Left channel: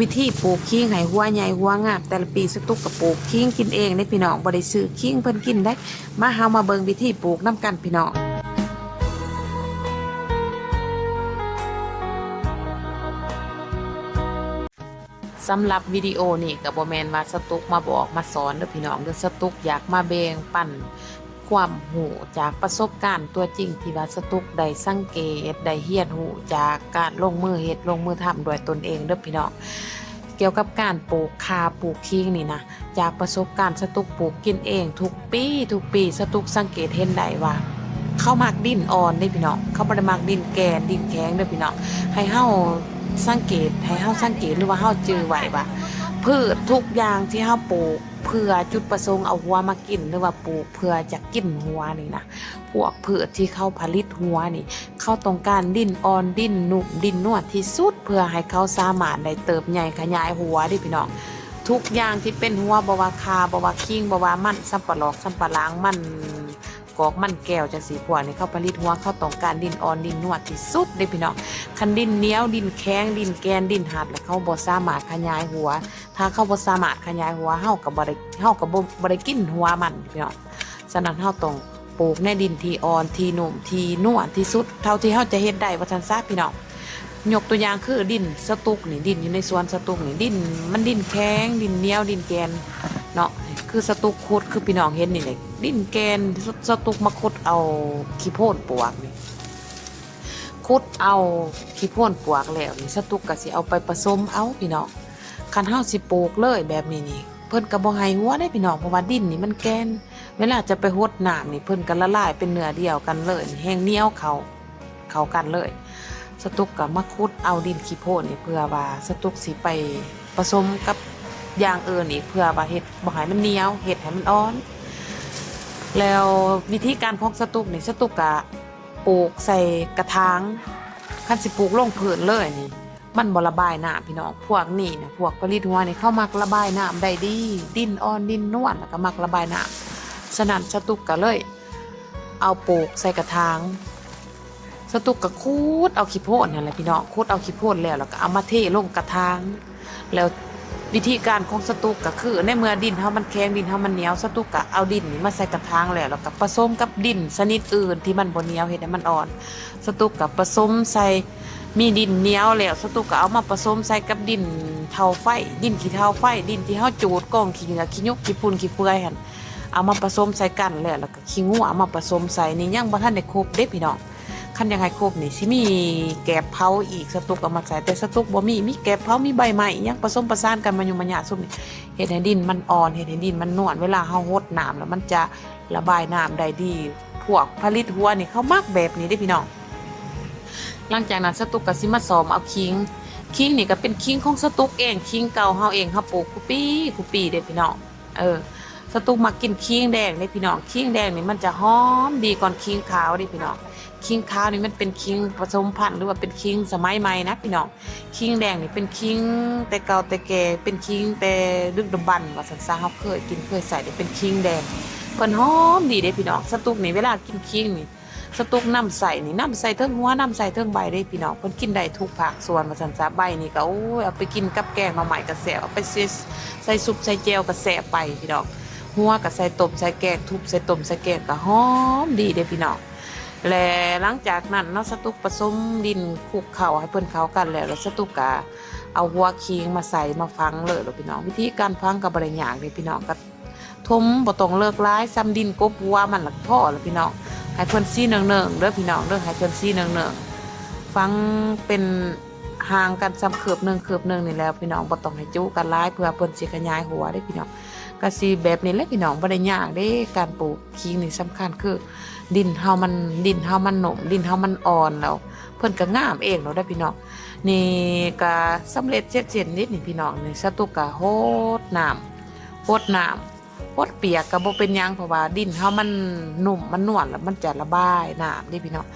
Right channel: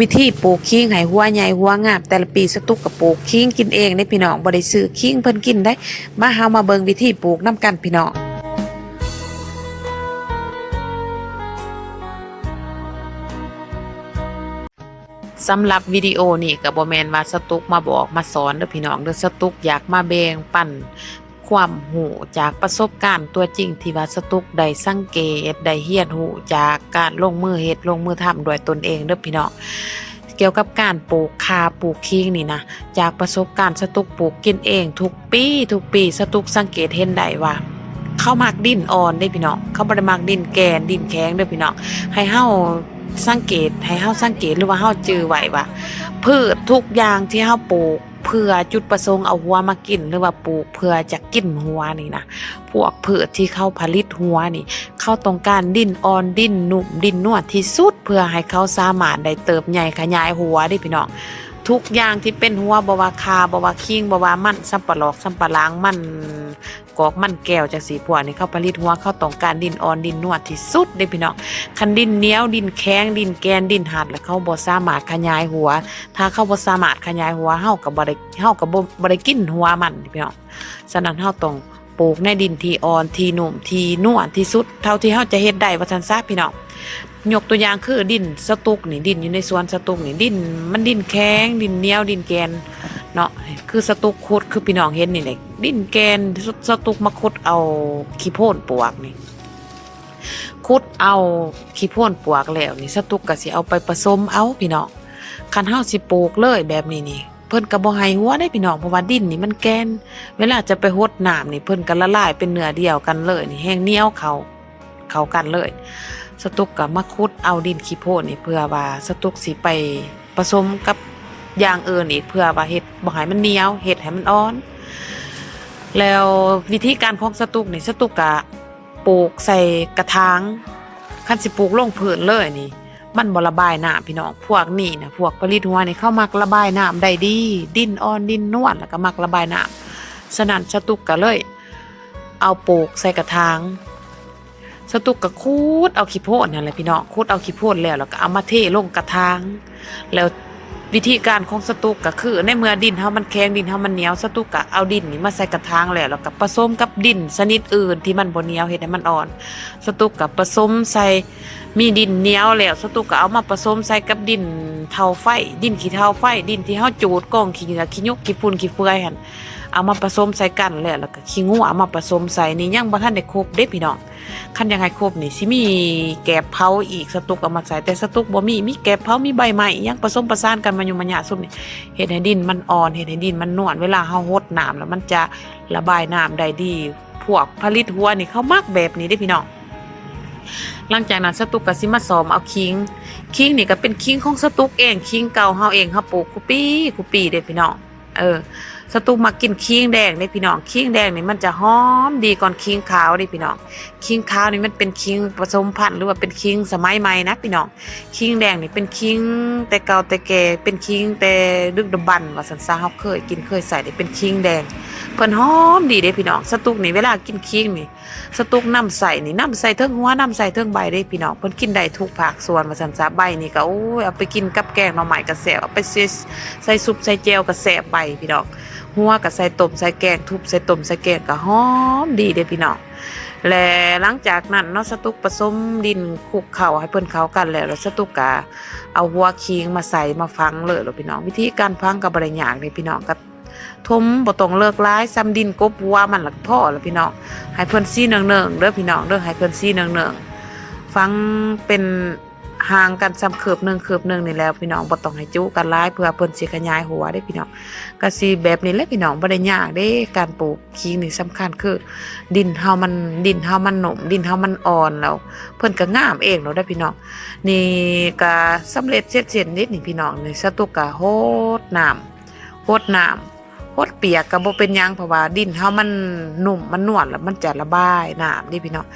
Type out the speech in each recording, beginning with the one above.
วิธีปลูกขิงให้หัวใหญ่หัวงามแต่ละปีสตุกก็ปลูกขิงกินเองได้พี่น้องบ่ได้ซื้อขิงเพิ่นกินได้มาเฮามาเบิ่งวิธีปลูกนํกันพี่น้องสำหรับวิดีโอนี่ก็บ่แม่นว่าสตุกมาบอกมาสอนเด้อพี่น้องเด้อสตุกอยากมาแบ่งปันความรู้จากประสบการณ์ตัวจริงที่ว่าสตุกได้สังเกตได้เรียนรู้จากการลงมือเฮ็ดลงมือทำด้วยตนเองเด้อพี่น้องเกี่ยวกับการปลูกข่าปลูกขิงนี่นะจากประสบการณ์สตุกปลูกกินเองทุกปีสตุกสังเกตเห็นได้ว่าเขามักดินอ่อนเด้พี่น้องเขาบ่ได้มักดินแกนดินแข็งเด้อพี่น้องให้เฮาสังเกตหรือว่าเฮาจื้อไว้ว่าพืชทุกอย่างที่เฮาปลูกเพื่อจุดประสงค์เอาหัวมากินหรือว่าปลูกเพื่อจะกินหัวนี่นะพวกพืชที่เขาผลิตหัวนี่เขาต้องการดินอ่อนดินนุ่มดินนวลที่สุดเพื่อให้เขาสามารถได้เติบใหญ่ขยายหัวได้พี่น้องทุกอย่างที่เป็นหัวบ่ว่าคาบ่ว่าคิงบ่ว่ามันสำปะหลอกสำปะหลังมันกอกมันแก้วจังสีพวกนี่เขาผลิตหัวเขาต้องการดินอ่อนดินนวลที่สุดได้พี่น้องคันดินเหนียวดินแข็งดินแกนดินหัดแล้วเขาบ่สามารถขยายหัวถ้าเขาบ่สามารถขยายหัวเฮาก็บ่ได้กินหัวมันพี่น้องฉะนั้นเฮาต้องปลูกในดินที่อ่อนที่นุ่มที่นวลที่สุดเท่าที่เฮาจะเฮ็ดได้ว่าซั่นซะพี่น้องยกตัวอย่างคือดินสตุกนี่ดินอยู่ในสวนสตุกนี่ดินมันดินแข็งดินเหนียวดินแกนเนาะคือสตุกขุดคือพี่น้องเห็นนี่แหละดินแกนสตุกมาขุดเอาขี้โพนปลวกนี่ขุดเอาขี้โพนปลวกแล้วนี่สตุกก็สิเอาไปผสมเอาพี่น้องคันเฮาสิปลูกเลยแบบนี้นี่เพิ่นก็บ่ให้หัวได้พี่น้องเพราะว่าดินนี่มันแกนเวลาจะไปรดน้ำนี่เพิ่นก็ละลายเป็นเนื้อเดียวกันเลยนี่แห้งเหนียวเข้ากันเลยสตุกก็มาขุดเอาดินขี้โพนนี่เพื่อว่าสตุกสิไปผสมกับอย่างอื่นอีกเพื่อว่าเฮ็ดบ่ให้มันเหนียวเฮ็ดให้มันอ่อนแล้ววิธีการของสตุกนี่สตุกก็ปลูกใส่กระถางคันสิปลูกลงพื้นเลยนี่มันบ่ระบายน้ำพี่น้องพวกนี้นะพวกผลิตหัวนี่เขามักระบายน้ำได้ดีดินอ่อนดินนวลแล้วก็มักระบายน้ำฉะนั้นสตุกก็เลยเอาปลูกใส่กระถางสตุกก็คูดเอาขี้โพดนั่นแหละพี่น้องคูดเอาขี้โพดแล้วก็เอามาเทลงกระถางแล้ววิธีการของสตุกก็คือในเมื่อดินเฮามันแข็งดินเฮามันเหนียวสตุกก็เอาดินนี่มาใส่กระถางแล้วก็ผสมกับดินชนิดอื่นที่มันบ่เหนียวเฮ็ดให้มันอ่อนสตุกก็ผสมใส่มีดินเหนียวแล้วสตุกก็เอามาผสมใส่กับดินเทาไฟดินขี้เทาไฟดินที่เฮาจูดกองขี้เหงื่อขี้ยกขี้ฝุ่นขี้เปื่อยหั่นเอามาผสมใส่กันแล้วก็ขี้งัวเอามาผสมใส่นี่ยังบ่ทันได้ครบเด้พี่น้องคันยังไงครบนี่สิมีแกบเผาอีกสตุกเอามาใส่แต่สตุกบ่มีแกบเผามีใบไม้ยังผสมประสานกันมันอยู่มันหยาซุ่มนี่เฮ็ดให้ดินมันอ่อนเฮ็ดให้ดินมันนวลเวลาเฮารดน้ำแล้วมันจะระบายน้ำได้ดีพวกผลิตหัวนี่เขามักแบบนี้เด้พี่น้องหลังจากนั้นสตุกก็สิมาซ้อมเอาคิงนี่ก็เป็นคิงของสตุกเองคิงเก่าเฮาเองเฮาปลูกคุปีเด้พี่น้องสตุกมากินคิงแดงนี่พี่น้องคิงแดงนี่มันจะหอมดีก่อนคิงขาวดิพี่น้องคิงขาวนี่มันเป็นคิงผสมพันธุ์หรือว่าเป็นคิงสมัยใหม่นะพี่น้องคิงแดงนี่เป็นคิงแต่เก่าแต่แก่เป็นคิงแต่ดึกดำบรรพ์ว่าซั่นซะเฮาเคยใส่ได้เป็นคิงแดงเพิ่นหอมดีเด้พี่น้องสตุกนี่เวลากินคิงนี่สตุกน้ำใส่นี่น้ำใส่เทิงหัวน้ำใส่เทิงใบได้พี่น้องเพิ่นกินได้ทุกภาคส่วนว่าซั่นซะใบนี่ก็โอ้ยเอาไปกินกับแกงหน่อไม้ก็แซ่บเอาไปใส่ซุปใส่แจ่วก็แซ่บไปพี่น้องหัวก็ใส่ต้มใส่แกงทุบใส่ต้มใส่แกงก็หอมดีเด้พี่น้องและหลังจากนั้นเนาะสตุกผสมดินคลุกเข้าให้เพิ่นเข้ากันแล้วสตุกก็เอาหัวคิงมาใส่มาฝังเลยพี่น้องวิธีการฝังก็บ่ได้ยากเลยพี่น้องก็ทมบ่ต้องเลิกหลายซ้ำดินกบหัวมันละพอแล้วพี่น้องให้เพิ่นซี่เนืองๆเด้อพี่น้องเด้อให้เพิ่นซี่เนืองๆฝังเป็นห่างกันซ้ำคืบหนึงนี่แล้วพี่น้องบ่ต้องให้จุกันหลายเพื่อเพิ่นสิขยายหัวได้พี่น้องก็สิแบบนี้แหละพี่น้องบ่ได้ยากเด้การปลูกคิงนี่สำคัญคือดินเฮามันหนุ่มดินเฮามันอ่อนแล้วเพิ่นก็งามเองเนาะได้พี่น้องนี่ก็สำเร็จเสร็จนิดนี่พี่น้องนี่สตุกก็โหดน้ำโคตรเปียกก็บ่เป็นหยังเพราะว่าดินเฮามันนุ่มมันนวลแล้วมันจะระบายน้ำนี่พี่น้อง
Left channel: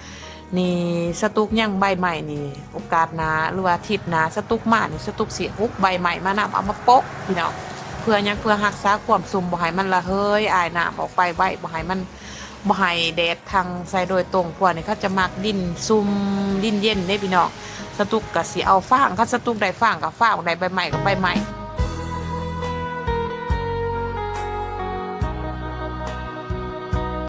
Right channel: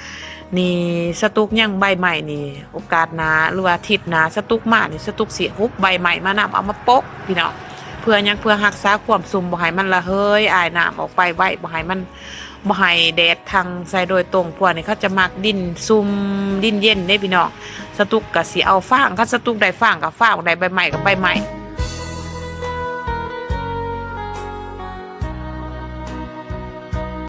นี่สตุกยังใบใหม่นี่โอกาสหน้าหรือว่าอาทิตย์หน้าสตุกมานี่สตุกสิฮุบใบใหม่มานำเอามาโปะพี่น้องเพื่อรักษาความสุ่มบ่ให้มันระเหยอายน้ำออกไปไว้บ่ให้แดดทางใส่โดยตรงพวกนี้เขาจะมักดินซุ่มดินเย็นได้พี่น้องฉ สตุกก็สิเอาฟางคันสตุกได้ฟางก็ฟางได้ใบไม้ก็ใบไม้